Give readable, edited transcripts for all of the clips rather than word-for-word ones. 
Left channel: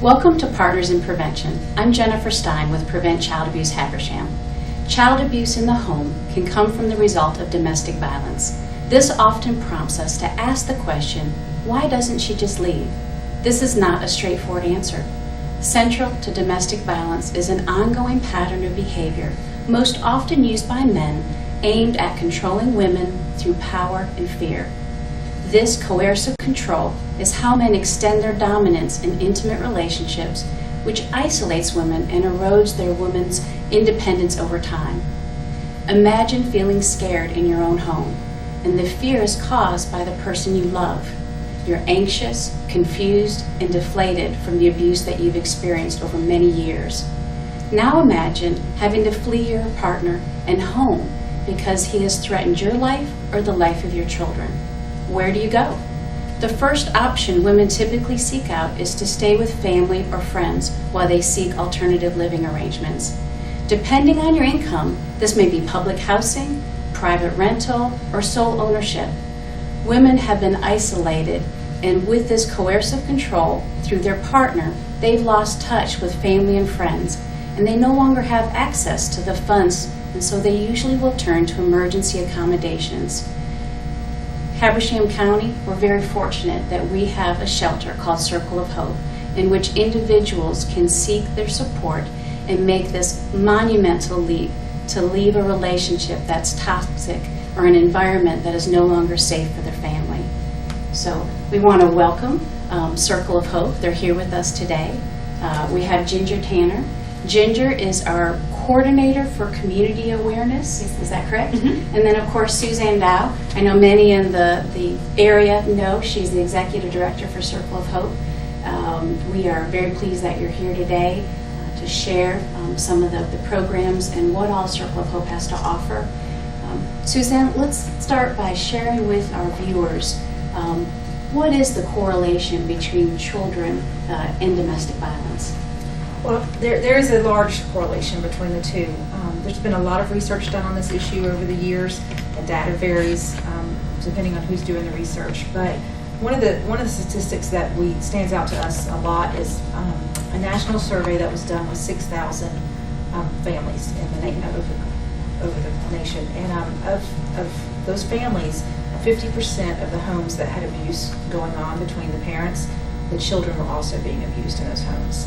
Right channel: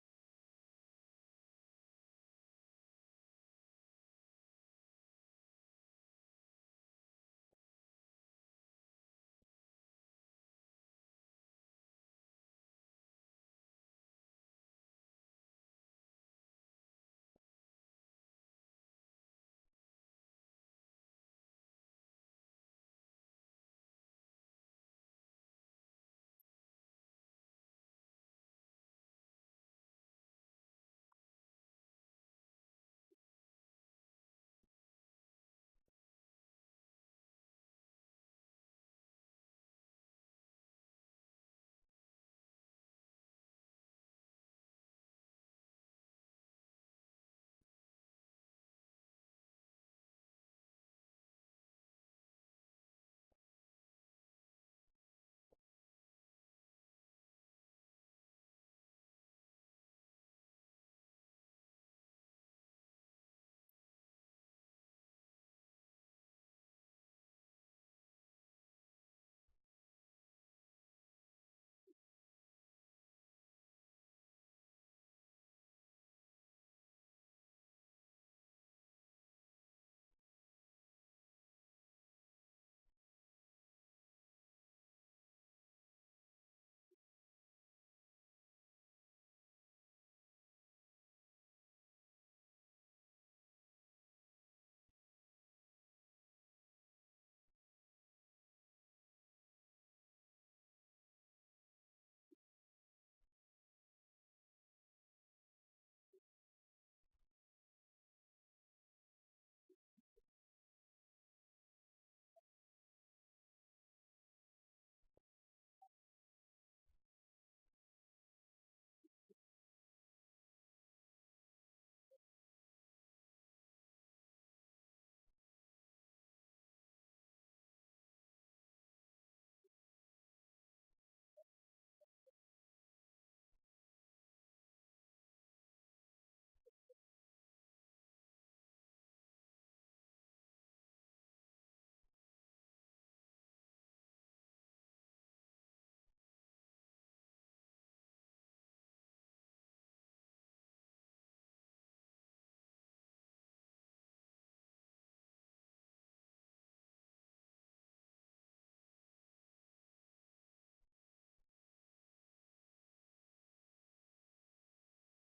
Welcome to Partners in Prevention. I'm Jennifer Stein with Prevent Child Abuse Habersham. Child abuse in the home can come from the result of domestic violence. This often prompts us to ask the question, why doesn't she just leave? This is not a straightforward answer. Central to domestic violence is an ongoing pattern of behavior, most often used by men, aimed at controlling women through power and fear. This coercive control is how men extend their dominance in intimate relationships, which isolates women and erodes their woman's independence over time. Imagine feeling scared in your own home, and the fear is caused by the person you love. You're anxious, confused, and deflated from the abuse that you've experienced over many years. Now imagine having to flee your partner and home because he has threatened your life or the life of your children. Where do you go? The first option women typically seek out is to stay with family or friends while they seek alternative living arrangements. Depending on your income, this may be public housing, private rental, or sole ownership. Women have been isolated, and with this coercive control through their partner, they've lost touch with family and friends, and they no longer have access to the funds, and so they usually will turn to emergency accommodations. Habersham County, we're very fortunate that we have a shelter called Circle of Hope, in which individuals can seek their support and make this monumental leap to leave a relationship that's toxic or an environment that is no longer safe for their family. So we want to welcome Circle of Hope. They're here with us today. We have Ginger Tanner. Ginger is our coordinator for community awareness, is that correct? Mm-hmm. And then of course Suzanne Dow. I know many in the area know she's the executive director for Circle of Hope. We are very pleased that you're here today to share some of the programs and what all Circle of Hope has to offer. Suzanne, let's start by sharing with our viewers what is the correlation between children and domestic violence? Well, there is a large correlation between the two. There's been a lot of research done on this issue over the years, and data varies depending on who's doing the research. But one of the statistics that stands out to us a lot is a national survey that was done with 6,000 families over the nation, and of those families, 50% of the homes that had abuse going on between the parents, the children were also being abused in those homes.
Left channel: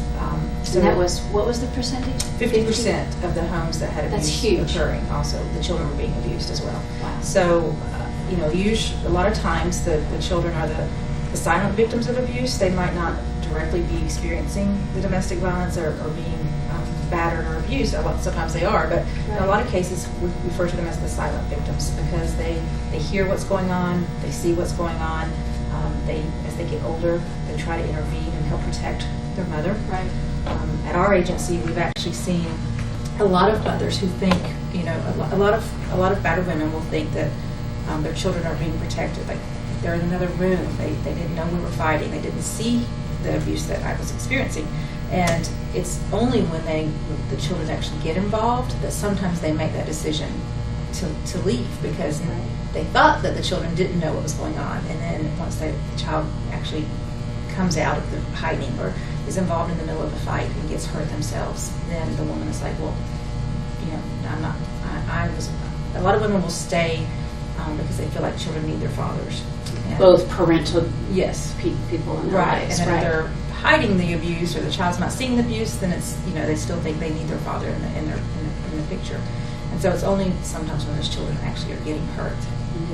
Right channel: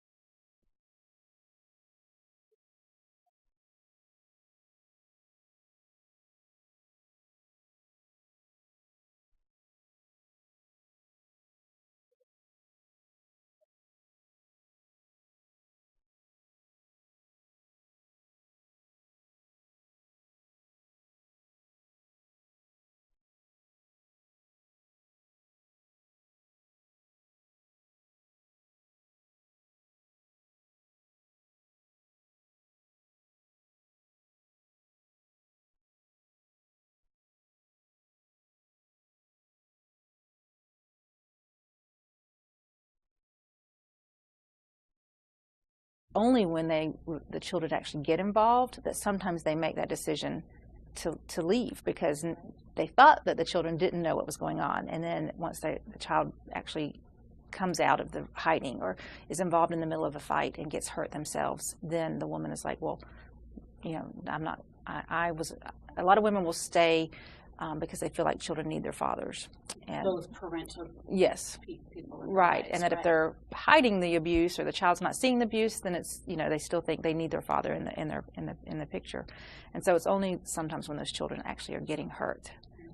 So that was, what was the percentage? 50% of the homes that had abuse occurring, also the children were being abused as well. Wow. So, a lot of times the children are the silent victims of abuse. They might not directly be experiencing the domestic violence or being battered or abused. Sometimes they are, but in a lot of cases we refer to them as the silent victims because they hear what's going on, they see what's going on. As they get older, they try to intervene and help protect their mother. Right. At our agency, we've actually seen a lot of mothers who think, a lot of battered women will think that their children are being protected. Like they're in another room. They didn't know we were fighting. They didn't see the abuse that I was experiencing. And it's only when the children actually get involved that sometimes they make that decision to leave because they thought that the children didn't know what was going on, and then once the child actually comes out of the hiding or is involved in the middle of a fight and gets hurt themselves, then the woman is like, well, I'm not. A lot of women will stay because they feel like children need their fathers. And both parental people in their right, lives. and if they're hiding the abuse or the child's not seeing the abuse, then it's they still think they need their father in the picture. And so it's only sometimes when those children actually are getting hurt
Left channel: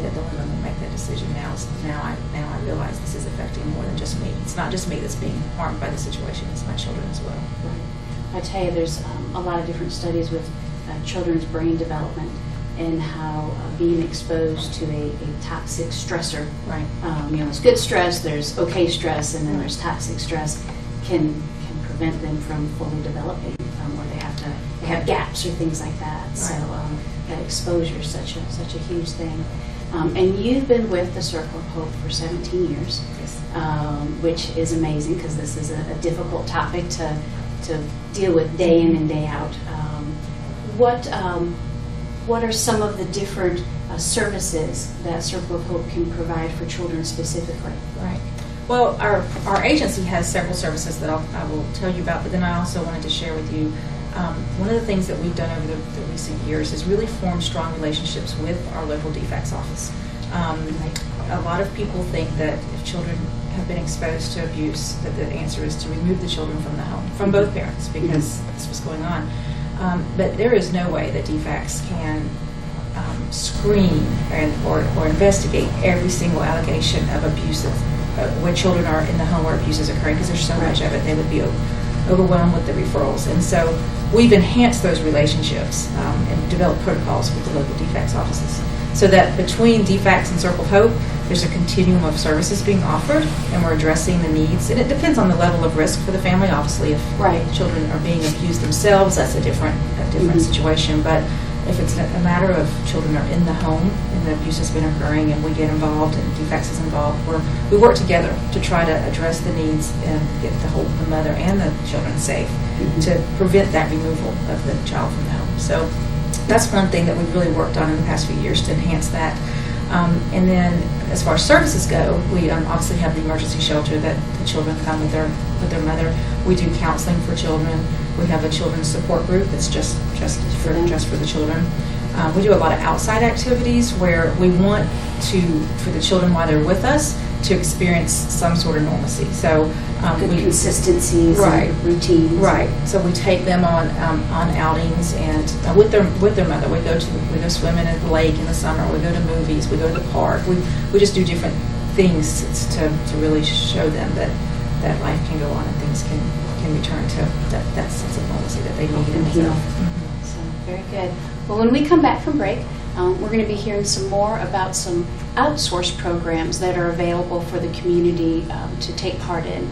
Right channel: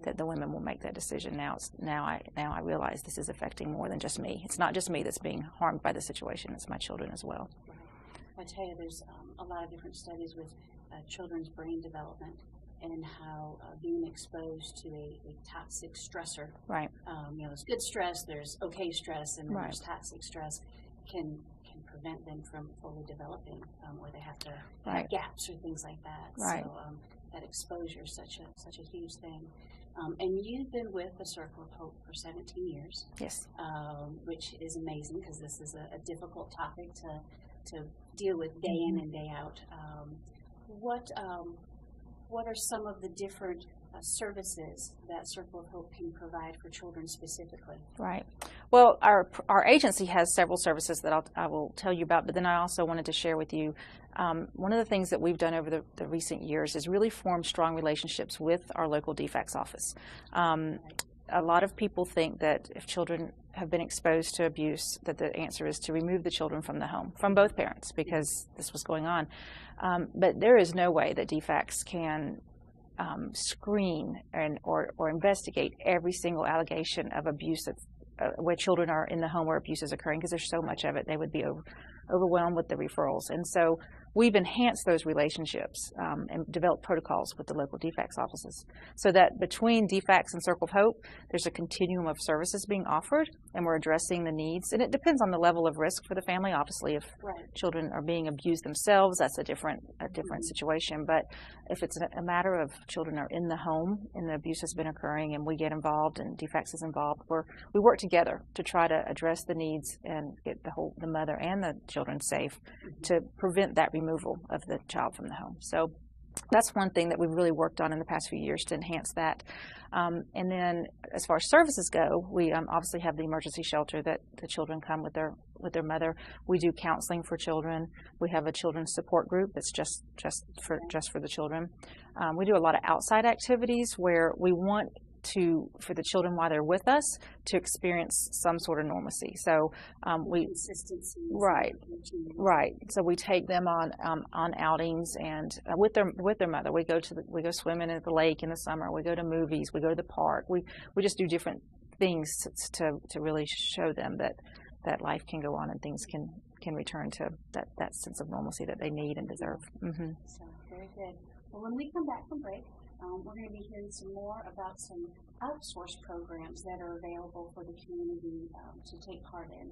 that the women will make that decision. Now I realize this is affecting more than just me. It's not just me that's being harmed by the situation, it's my children as well. Right. I tell you, there's a lot of different studies with children's brain development and how being exposed to a toxic stressor, right? There's good stress, there's okay stress, and then there's toxic stress can prevent them from fully developing, or they have gaps or things like that. Right. So that exposure is such a huge thing. And you've been with the Circle of Hope for 17 years, Yes. Which is amazing because this is a difficult topic to deal with day in and day out. What are some of the different services that Circle of Hope can provide for children specifically? Right. Well, our agency has several services that I will tell you about, but then I also wanted to share with you one of the things that we've done over the recent years is really form strong relationships with our local DFACS office. A lot of people think that if children have been exposed to abuse, that the answer is to remove the children from the home, from both parents, because this was going on. But there is no way that DFACS can screen or investigate every single allegation of abuse where children are in the home where abuse is occurring, because there's so much of it, they would be overwhelmed with the referrals. And so we've enhanced those relationships and developed protocols with the local DFACS offices, so that between DFACS and Circle of Hope, there's a continuum of services being offered, and we're addressing the needs. And it depends on the level of risk for the family. Obviously, if children are being abused themselves, that's a different situation. But if it's a matter of children are in the home and the abuse has been occurring and we get involved and DFACS is involved, we work together to try to address the needs and get the mother and the children safe to prevent that removal of the child from the home. So that's one thing that we've really worked on in the past few years to enhance that. And then as far as services go, we obviously have the emergency shelter that the children come with their mother. We do counseling for children. We have a children's support group that's just for the children. We do a lot of outside activities where we want for the children while they're with us to experience some sort of normalcy. So consistencies, and routines. Right. So we take them on outings and with their mother. We go swimming at the lake in the summer. We go to movies. We go to the park. We just do different things to really show them that life can go on and things can return to that sense of normalcy that they need and heal. So very good. Well, when we come back from break, we're going to be hearing some more about some outsourced programs that are available for the community to take part in.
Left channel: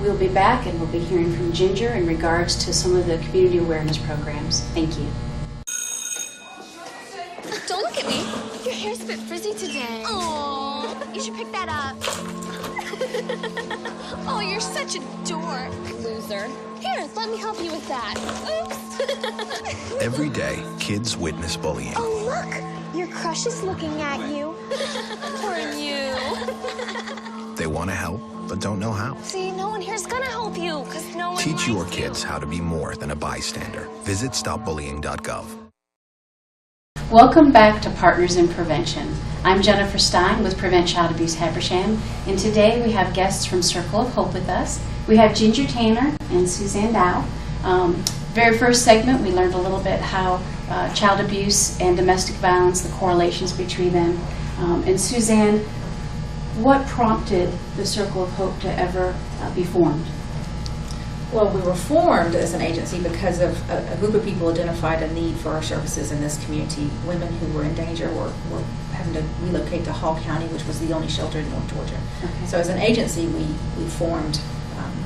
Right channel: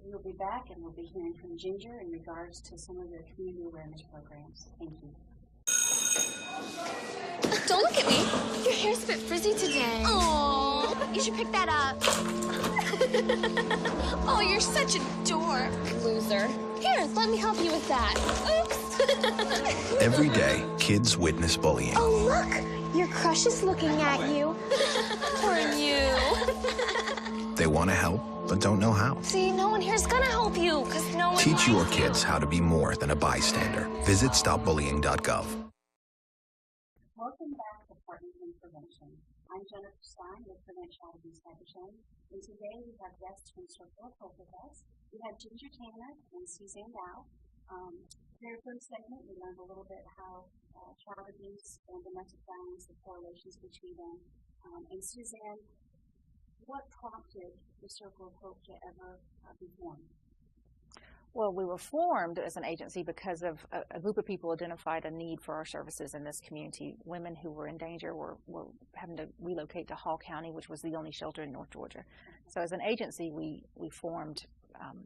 We'll be back and we'll be hearing from Ginger in regards to some of the community awareness programs. Thank you. Don't look at me. Your hair's a bit frizzy today. Oh, you should pick that up. Oh, you're such a dork. Loser. Here, let me help you with that. Oops. Every day, kids witness bullying. Oh, look. Your crush is looking at you. Poor you. They want to help, but don't know how. See, no one here's gonna help you, because no one Teach your likes kids you. how to be more than a bystander. Visit stopbullying.gov. Welcome back to Partners in Prevention. I'm Jennifer Stein with Prevent Child Abuse Habersham, and today we have guests from Circle of Hope with us. We have Ginger Tanner and Suzanne Dow. Very first segment, we learned a little bit how child abuse and domestic violence, the correlations between them. And Suzanne, what prompted the Circle of Hope to ever be formed? Well, we were formed as an agency because of a group of people identified a need for our services in this community. Women who were in danger were having to relocate to Hall County, which was the only shelter in North Georgia. Okay. So as an agency, we formed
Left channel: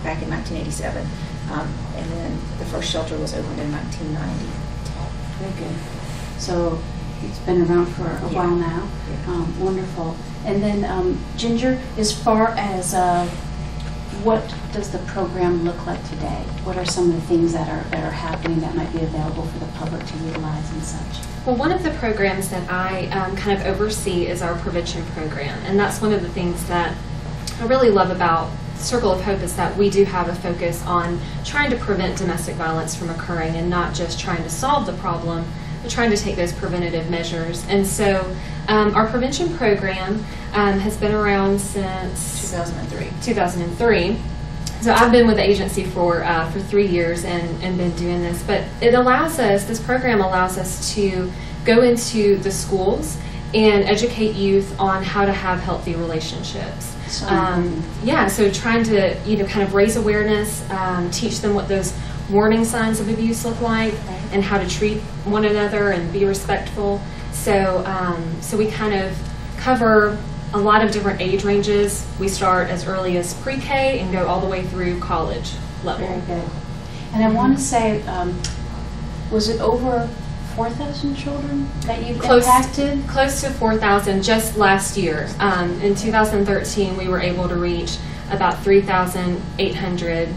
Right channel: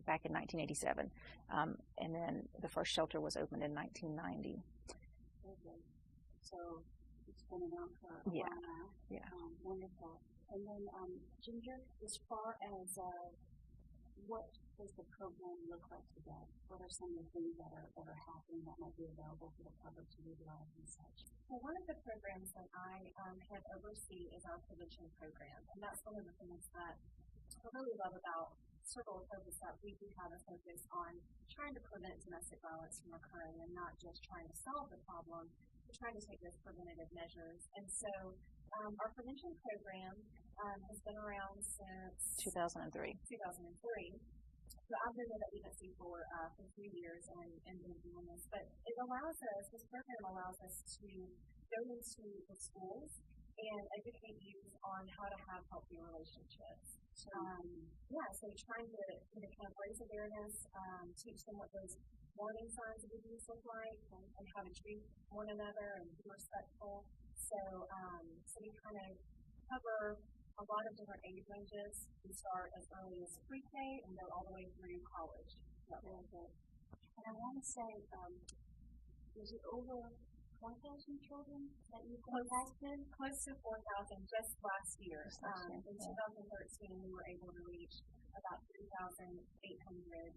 back in 1987, and then the first shelter was opened in 1990. Very good. So it's been around for a while now. Yeah. Wonderful. And then Ginger, as far as what does the program look like today? What are some of the things that are happening that might be available for the public to utilize and such? Well, one of the programs that I kind of oversee is our prevention program, and that's one of the things that I really love about Circle of Hope is that we do have a focus on trying to prevent domestic violence from occurring and not just trying to solve the problem, but trying to take those preventative measures. And so our prevention program has been around since 2003. So I've been with the agency for 3 years and been doing this, but this program allows us to go into the schools and educate youth on how to have healthy relationships. So trying to kind of raise awareness, teach them what those warning signs of abuse look like, and how to treat one another and be respectful. So we kind of cover a lot of different age ranges. We start as early as pre-K and go all the way through college level. Very good. And I want to say, was it over 4,000 children that you've impacted? Close to 4,000 just last year. In 2013, we were able to reach about 3,800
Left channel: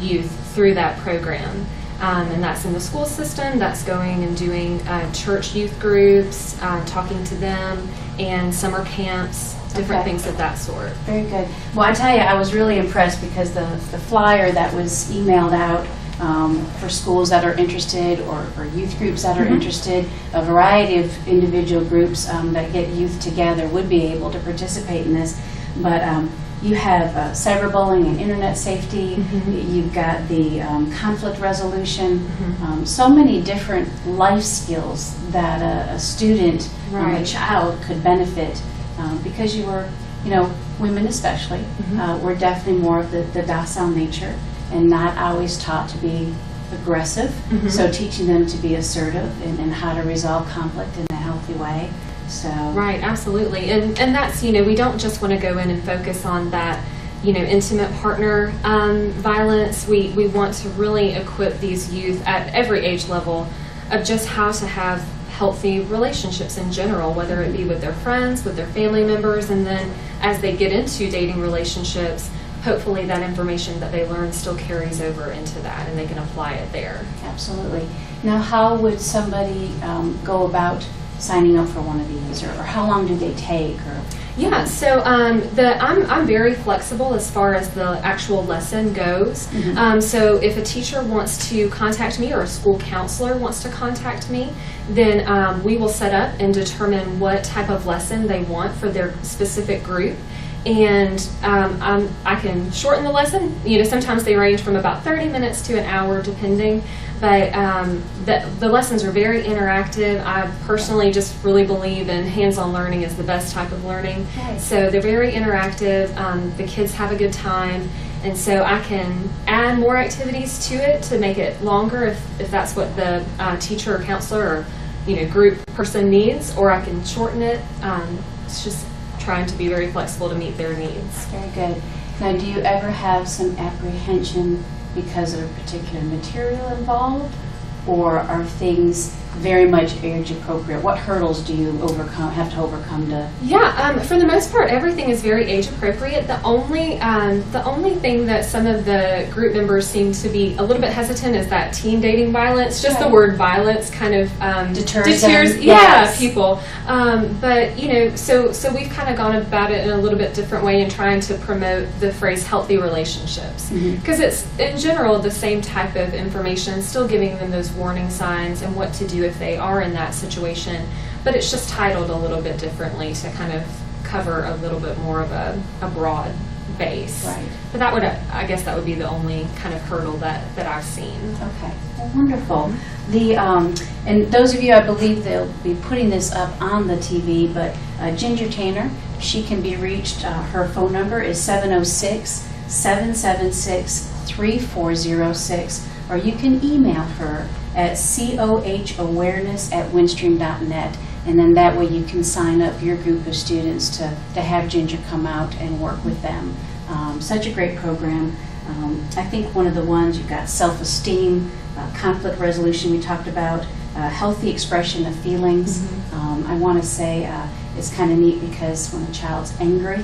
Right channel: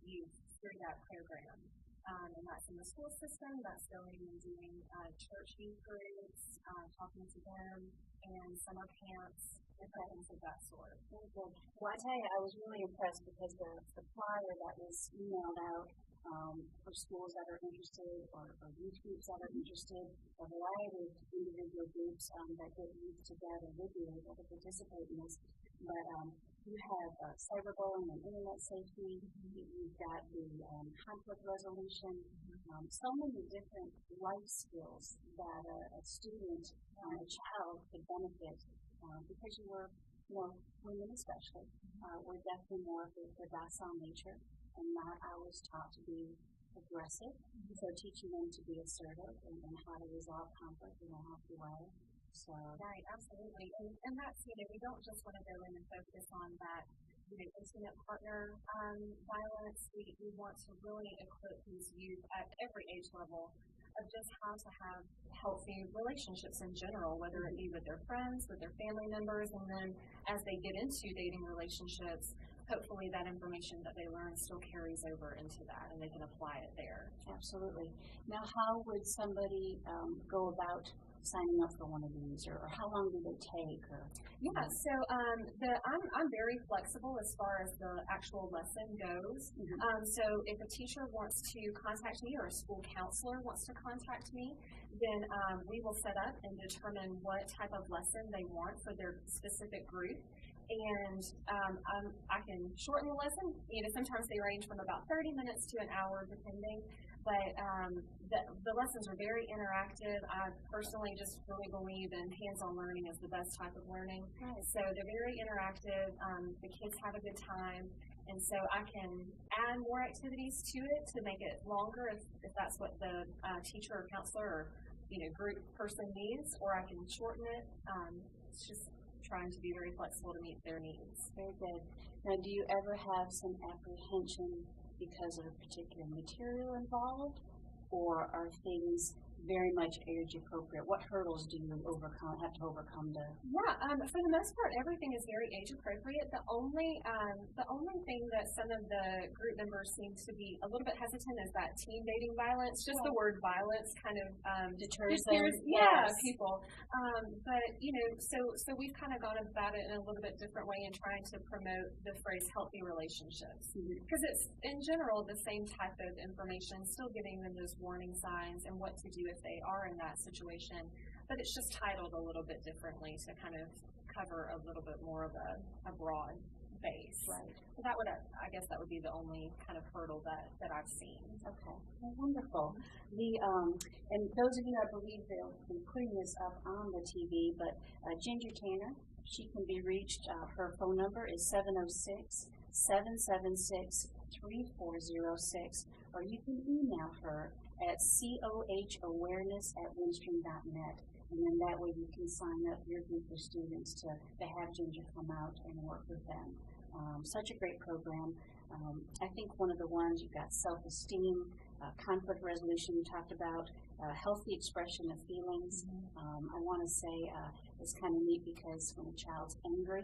youth through that program. And that's in the school system, that's going and doing church youth groups, talking to them, and summer camps different Okay. things of that sort. Very good. Well, I tell you, I was really impressed because the flyer that was emailed out for schools that are interested or youth groups that are interested, a variety of individual groups that get youth together would be able to participate in this. But you have cyberbullying and internet safety. You've got the conflict resolution. So many different life skills that a student, a child could benefit because you were, women especially, were definitely more of the docile nature and not always taught to be aggressive. So teaching them to be assertive and how to resolve conflict in a healthy way. So Right, absolutely. And that's, we don't just want to go in and focus on that, intimate partner violence. We want to really equip these youth at every age level of just how to have healthy relationships in general, whether it be with their friends, with their family members, and then as they get into dating relationships, hopefully that information that they learn still carries over into that and they can apply it there. Absolutely. Now, how would somebody go about signing up for one of these, or how long do they take? Or Yeah, so I'm very flexible as far as the actual lesson goes. So if a teacher wants to contact me or a school counselor wants to contact me, then we will set up and determine what type of lesson they want for their specific group. And I can shorten the lesson. Sometimes they range from about 30 minutes to an hour, depending. But the lessons are very interactive. I personally just really believe in hands-on learning is the best type of learning. Right. So they're very interactive. The kids have a good time. And so I can add more activities to it to make it longer if that's what the teacher or counselor or group person needs, or I can shorten it. It's just trying to be very flexible to meet their needs. Very good. Now, do you ever have some apprehension because of a particular material involved, or are things very much age appropriate? What hurdles do you have to overcome to? Yeah, for the most part, everything is very age appropriate. The only thing that some of the group members seem to be a little bit hesitant is that teen dating violence. Just the word violence kind of deters people. But so we've kind of gone about it in a little bit different way in trying to promote the phrase healthy relationships, because it's in general the same type of information, still giving them those warning signs and what to do if they are in that situation, but it's just titled a little bit differently to kind of cover a little bit more of a broad base. Right. But I guess that would be the only kind of hurdle that I've seen. Okay, well, wonderful. The and those of you, I believe they'll be putting this up on the TV, but Ginger Tanner, she can be reached. Her phone number is 706-776-3406, or you can email her at cohawareness@windstream.net, and then that way you can sign up your group of students to have Ginger come out and work with them. Such a great program. I think one of the ones, you've got self-esteem, conflict resolution we talked about, healthy expression of feelings. I want to say it's kind of neat because when a child's angry,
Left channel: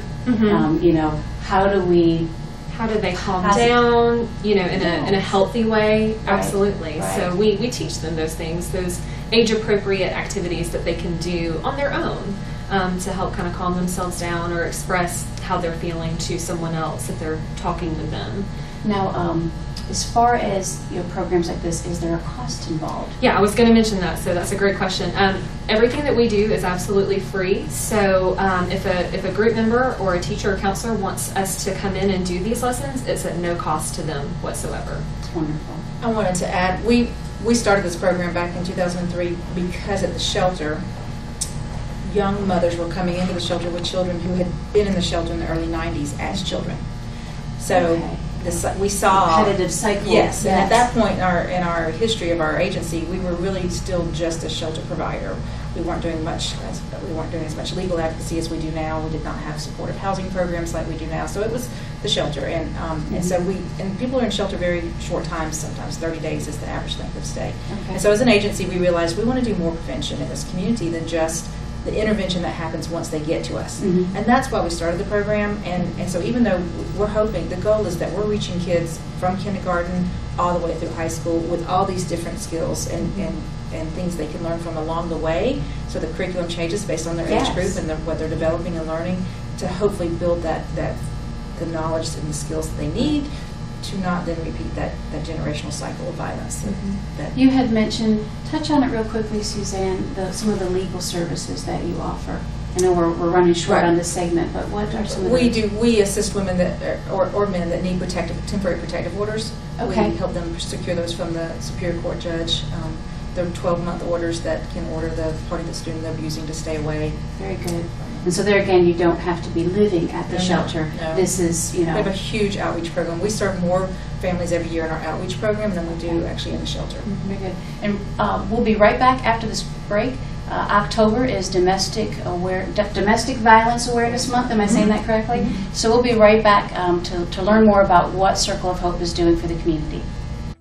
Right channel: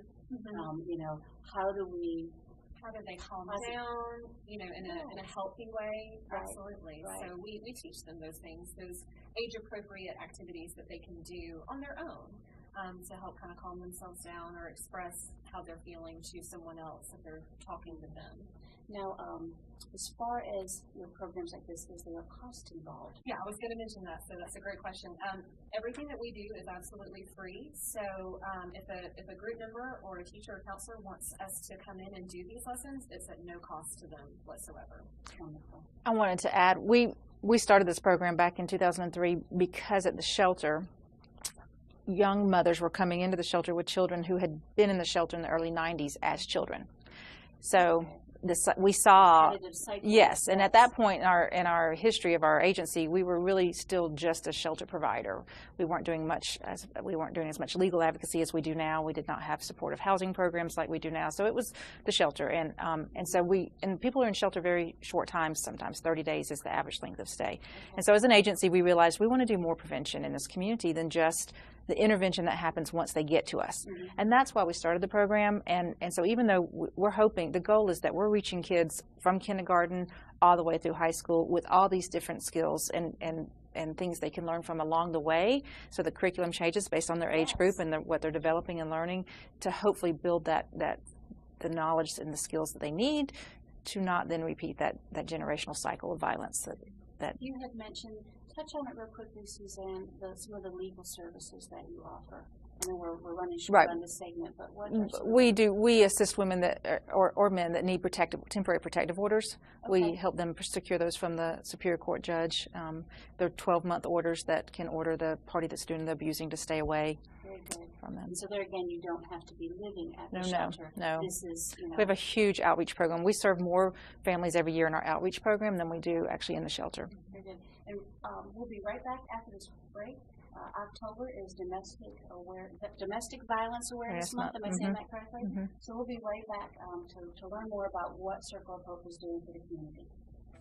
how do they calm down, in a healthy way? Right. Absolutely. Right. So we teach them those things, those age-appropriate activities that they can do on their own to help kind of calm themselves down or express how they're feeling to someone else if they're talking with them. Now, as far as programs like this, is there a cost involved? Yeah, I was going to mention that, so that's a great question. Everything that we do is absolutely free, so if a group member or a teacher or counselor wants us to come in and do these lessons, it's at no cost to them whatsoever. It's wonderful. I wanted to add, we started this program back in 2003 because at the shelter, young mothers were coming into the shelter with children who had been in the shelter in the early 90s as children. So we saw repetitive cycle. Yes, and at that point in our history of our agency, we were really still just a shelter provider. We weren't doing as much legal advocacy as we do now. We did not have supportive housing programs like we do now. So it was the shelter, and so people are in shelter very short times. Sometimes 30 days is the average length of stay. Okay. And so as an agency, we realized we want to do more prevention in this community than just the intervention that happens once they get to us. And that's why we started the program. And so even though we're hoping, the goal is that we're reaching kids from kindergarten all the way through high school with all these different skills and things they can learn from along the way. So the curriculum changes based on their age group and what they're developing and learning. to hopefully build the knowledge and the skills that they need to not then repeat that generational cycle of violence. That You had mentioned, touch on it real quickly, Suzanne, some of the legal services that you offer. I know we're running short on this segment, but what are some of we assist women that or men that need temporary protective orders. Okay. We help them secure those from the Superior Court judge. They're 12-month orders that can order the party that's doing the abusing to stay away. Very good. And so there again, you don't have to be living at the shelter. No. This is, We have a huge outreach program. We serve more families every year in our outreach program than we do actually in the shelter. Very good. And we'll be right back after this break. October is Domestic Violence Awareness Month. Am I saying that correctly? So we'll be right back to learn more about what Circle of Hope is doing for the community.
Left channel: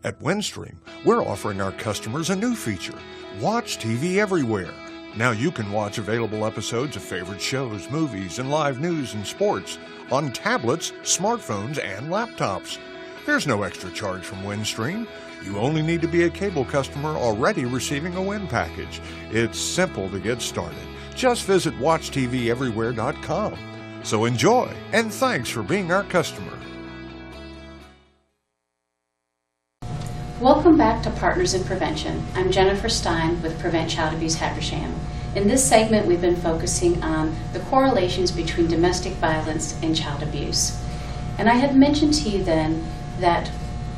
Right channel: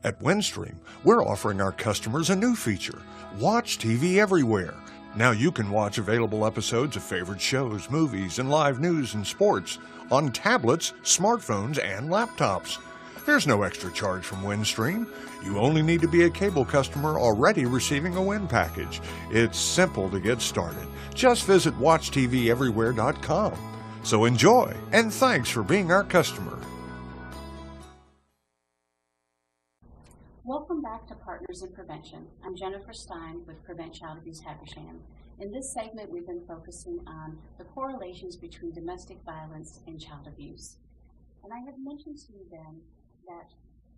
At Windstream, we're offering our customers a new feature, Watch TV Everywhere. Now you can watch available episodes of favorite shows, movies, and live news and sports on tablets, smartphones, and laptops. There's no extra charge from Windstream. You only need to be a cable customer already receiving a Wind package. It's simple to get started. Just visit WatchTVEverywhere.com. So enjoy, and thanks for being our customer. Welcome back to Partners in Prevention. I'm Jennifer Stein with Prevent Child Abuse Habersham. In this segment, we've been focusing on the correlations between domestic violence and child abuse. And I had mentioned to you then that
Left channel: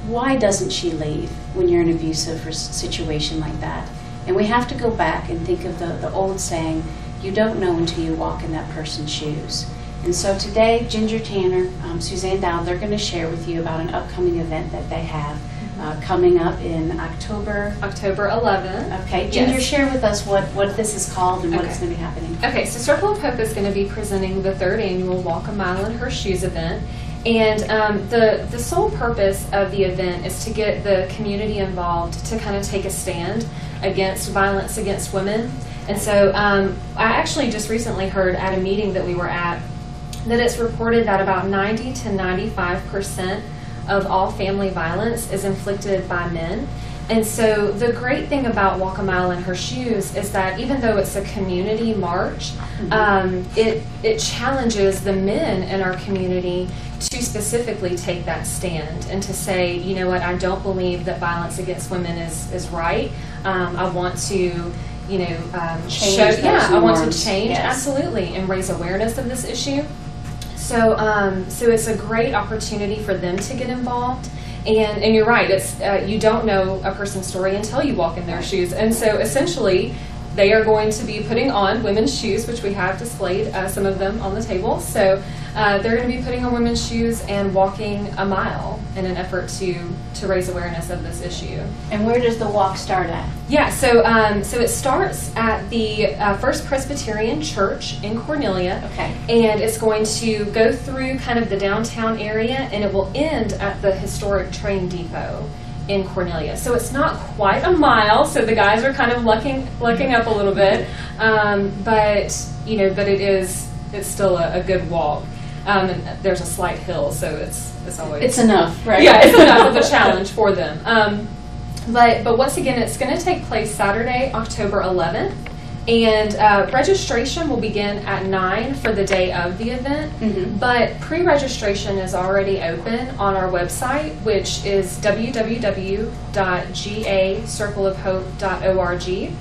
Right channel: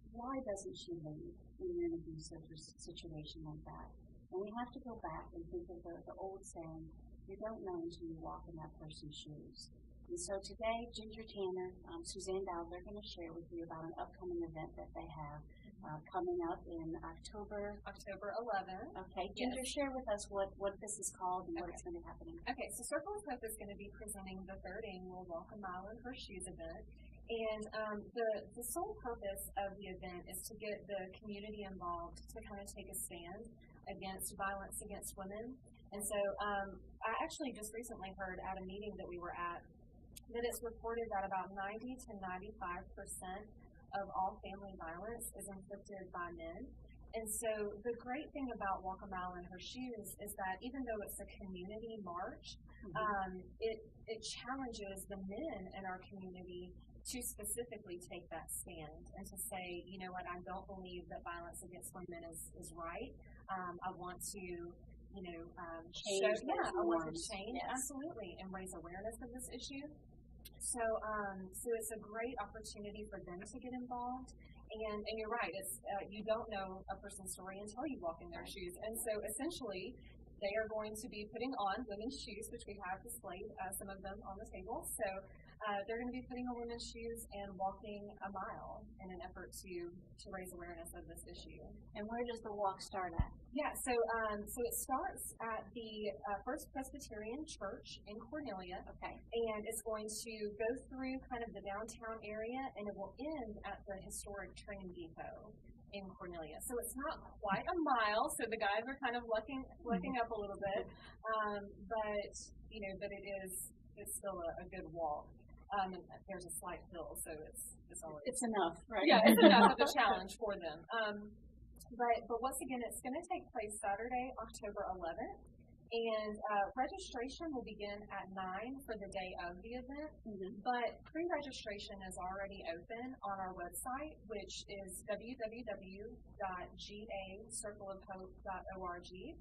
why doesn't she leave when you're in an abusive situation like that? And we have to go back and think of the old saying, you don't know until you walk in that person's shoes. And so today, Ginger Tanner, Suzanne Dowd, they're going to share with you about an upcoming event that they have coming up in October 11th. Okay, Ginger, Yes. share with us what this is called and what's going to be happening. Okay, so Circle of Hope is going to be presenting the 3rd annual Walk a Mile in Her Shoes event. And the sole purpose of the event is to get the community involved to kind of take a stand against violence against women. And so I actually just recently heard at a meeting that we were at that it's reported that about 90 to 95% of all family violence is inflicted by men. And so the great thing about Walk a Mile in Her Shoes is that even though it's a community march, it challenges the men in our community to specifically take that stand and to say, you know what, I don't believe that violence against women is right. I want to, I want to change, yes. Absolutely, and raise awareness of this issue. So, so it's a great opportunity for them to get involved. And you're right, it's you don't know a person's story until you walk in their shoes. And so essentially, they are going to be putting on women's shoes, which we have displayed some of them on the table. So they're going to be putting on women's shoes and walking a mile in an effort to raise awareness of this issue. And where does the walk start at? Yeah, so so it starts at the First Presbyterian Church in Cornelia. Okay. And it's going to go through kind of the downtown area, and it will end at the historic train depot in Cornelia. So it's not quite a mile, so the guys are kind of lucking up a little bit, but it's still a good walk. And there's a slight hill, so it's always... It's enough, right? Yeah, it's enough of a challenge for them. But once again, it's going to take place Saturday, October 11th, and registration will begin at 9 for the day of the event, but pre-registration is already open on our website, which is www.gacircleofhope.org.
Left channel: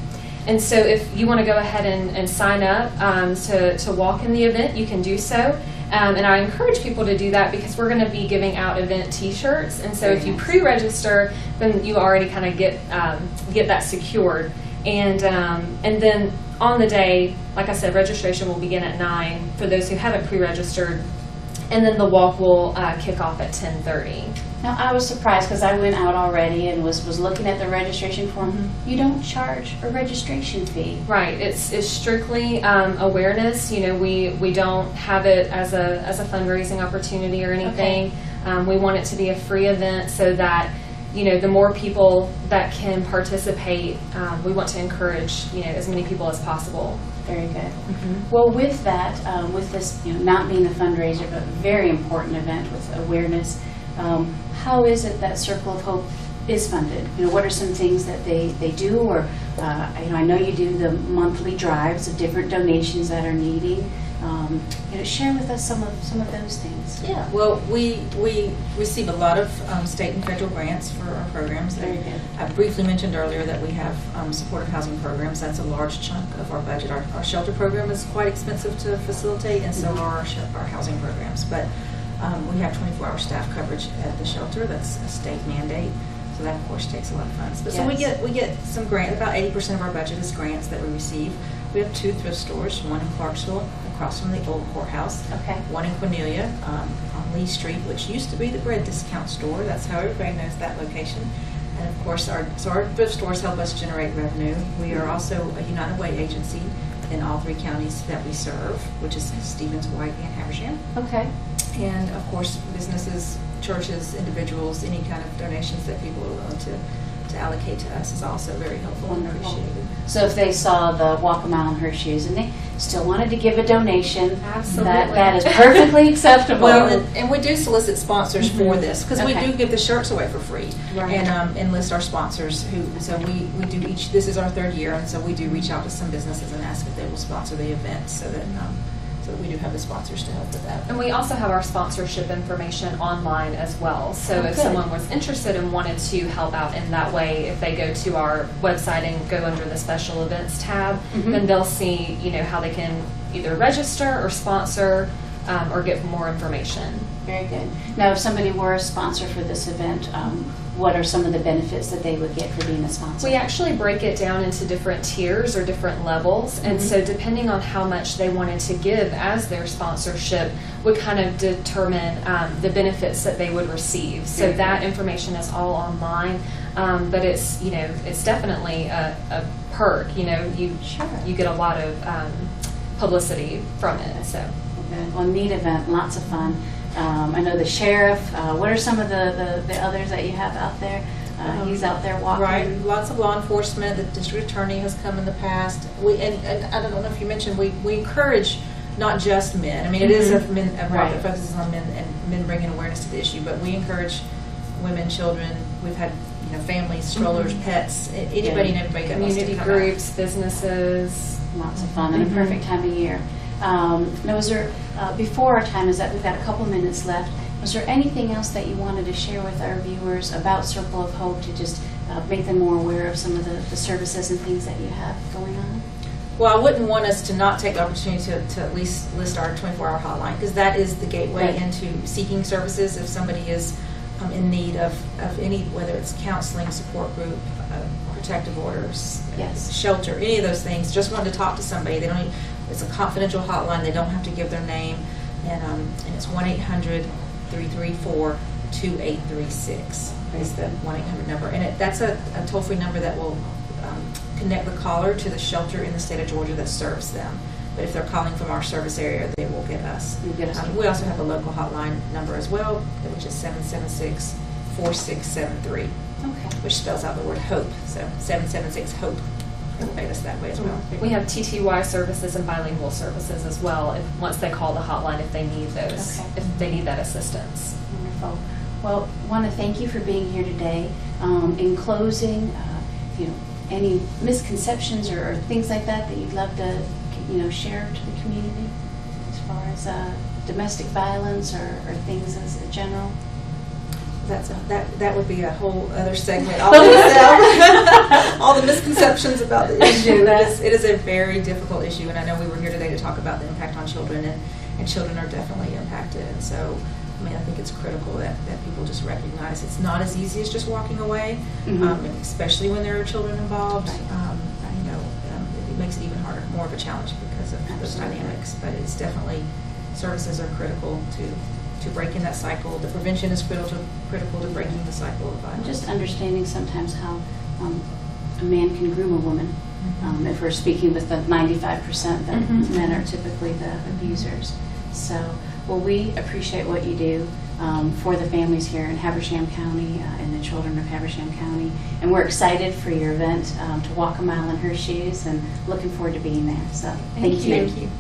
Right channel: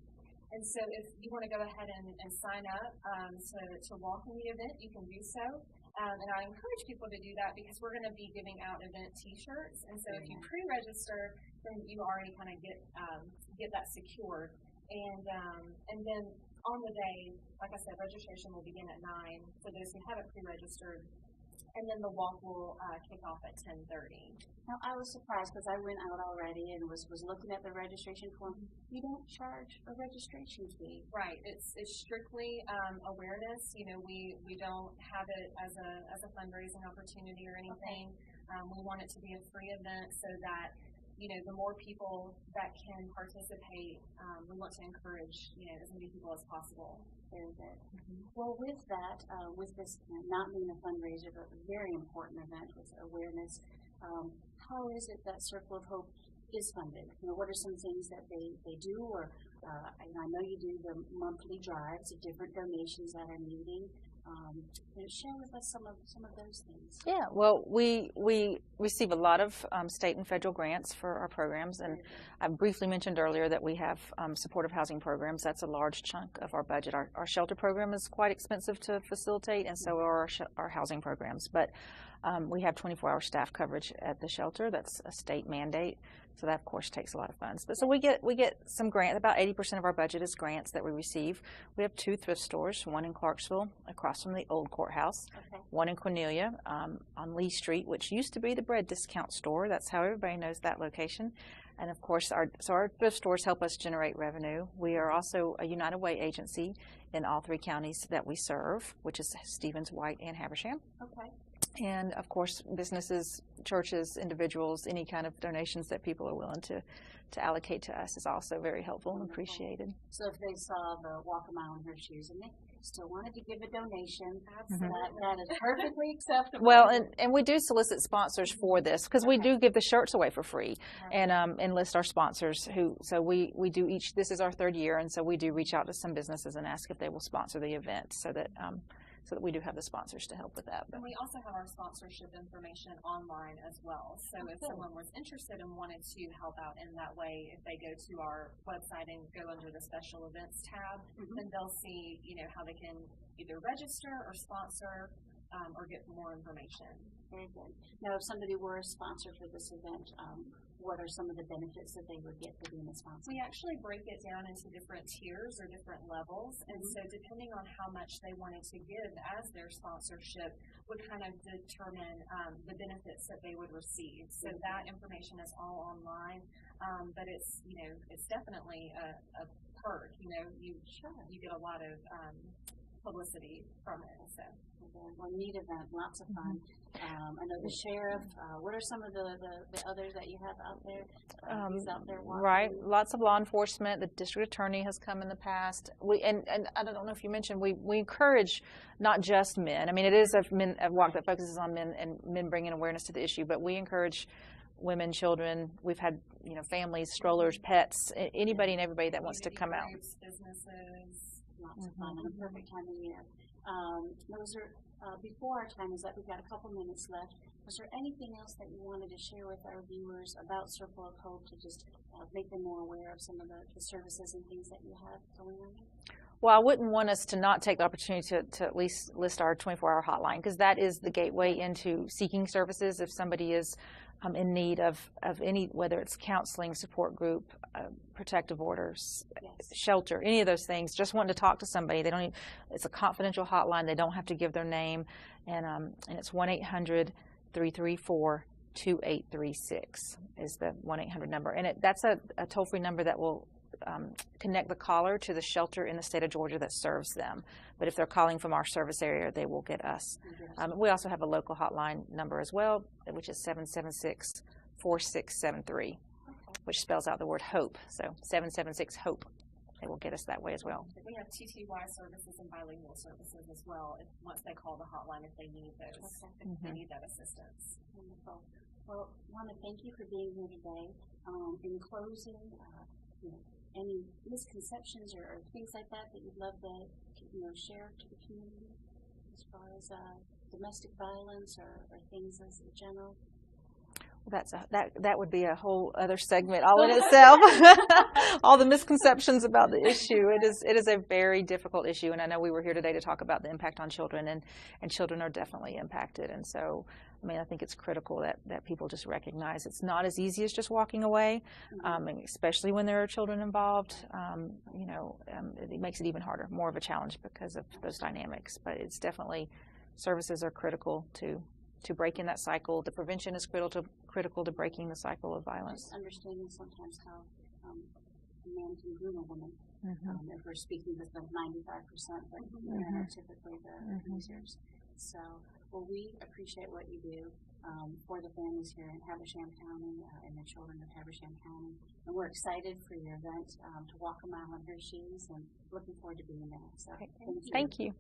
And so if you want to go ahead and sign up to walk in the event, you can do so. And I encourage people to do that because we're going to be giving out event T-shirts. And so if you pre-register, then you already kind of get that secured. And then on the day, like I said, registration will begin at 9 for those who haven't pre-registered. And then the walk will kick off at 10:30. Now, I was surprised because I went out already and was looking at the registration form. You don't charge a registration fee. Right. It's strictly awareness. We don't have it as a fundraising opportunity or anything. Okay. We want it to be a free event so that the more people that can participate, we want to encourage as many people as possible. Very good. Well, with that, with this not being a fundraiser but very important event with awareness, how is it that Circle of Hope is funded? What are some things that they do? Or I know you do the monthly drives of different donations that are needing. Share with us some of those things. Yeah, well, we receive a lot of state and federal grants for our programs. Very good. I briefly mentioned earlier that we have supportive housing programs. That's a large chunk of our budget. Our shelter program is quite expensive to facilitate, and so are our housing programs. But we have 24-hour staff coverage at the shelter. That's a state mandate. So that, of course, takes a lot of funds. But so we get some grant. About 80% of our budget is grants that we receive. We have 2 thrift stores, one in Clarksville, across from the old courthouse. Okay. One in Cornelia on Lee Street, which used to be the bread discount store. That's how everybody knows that location. And of course, our thrift stores help us generate revenue. We are also a United Way agency in all 3 counties that we serve, which is Stevens, White, and Habersham. Okay. And of course, businesses, churches, individuals, any kind of donations that people are willing to allocate to us is also very helpful and appreciated. So if they saw the Walk a Mile in Her Shoes and they still wanted to give a donation, Absolutely. that is perfectly acceptable. Well, and we do solicit sponsors for this, because we Okay. do give the shirts away for free. Right. And enlist our sponsors so we do this is our 3rd year, and so we do reach out to some businesses and ask if they will sponsor the event, so that we do have the sponsors to help with that. And we also have our sponsorship information online as well. So if good. someone was interested and wanted to help out in that way, if they go to our website and go under the special events tab, then they'll see, how they can either register or sponsor or get more information. Very good. Now, if somebody were a sponsor for this event, what are some of the benefits that they would get for being a sponsor? We actually break it down into different tiers or different levels, and so depending on how much they wanted to give as their sponsorship would kind of determine the benefits that they would receive. So that information is all online, but it's it's definitely a perk. You get a lot of publicity from it. So Well, neat event, lots of fun. I know the sheriff. What are some of the others that you have out there? He's out there walking. Right, lots of law enforcement. The district attorney has come in the past. And I don't know if you mentioned, we encourage not just men. I mean, it is a block that focuses on men and men bringing awareness to the issue, but we encourage women, children. We've had families, strollers, pets, anybody and everybody that wants to community come out. groups, businesses. Lots of fun and a perfect time of year. Now, was there, before our time is up, we've got a couple minutes left, was there anything else that you wanted to share with our viewers about Circle of Hope to just make them more aware of some of the services and things that you have going on? Well, I wouldn't want us to not take the opportunity to at least list our 24-hour hotline, because that is the gateway into seeking services. If somebody is in need of any, whether it's counseling, support group, protective orders, shelter, any of those things, just wanted to talk to somebody. They don't. It's a confidential hotline. They don't have to give their name, and it's 1-800-334-2836 is the 1-800 number, and that's a toll-free number that will connect the caller to the shelter in the state of Georgia that serves them. But if they're calling from our service area, they will get us. We also have a local hotline number as well, which is 776-4673, which spells out the word HOPE. So 776-HOPE. It will make us that way as well. We have TTY services and bilingual services as well. Once they call the hotline, if they need those, if they need that assistance. Wonderful. Well, I want to thank you for being here today. In closing, any misconceptions or things like that you'd love to, share to the community as far as domestic violence or things as a general? That would be a whole other segment all in itself. All the misconceptions about the issue. It is a very difficult issue, and I know we were here today to talk about the impact on children, and children are definitely impacted. And so, I think it's critical that people just recognize it's not as easy as just walking away, especially when there are children involved. It makes it even harder, more of a challenge because of those dynamics. But it's definitely, services are critical to breaking that cycle. The prevention is critical to breaking the cycle of violence. Just understanding sometimes how a man can groom a woman. If we're speaking with the 95% that men are typically the abusers. So, well, we appreciate what you do for the families here in Habersham County and the children of Habersham County. And we're excited for your event to walk a mile in her shoes and looking forward to being there. So, thank you. Thank you.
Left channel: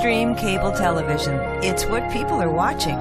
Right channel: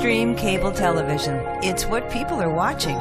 Windstream Cable Television. It's what people are watching.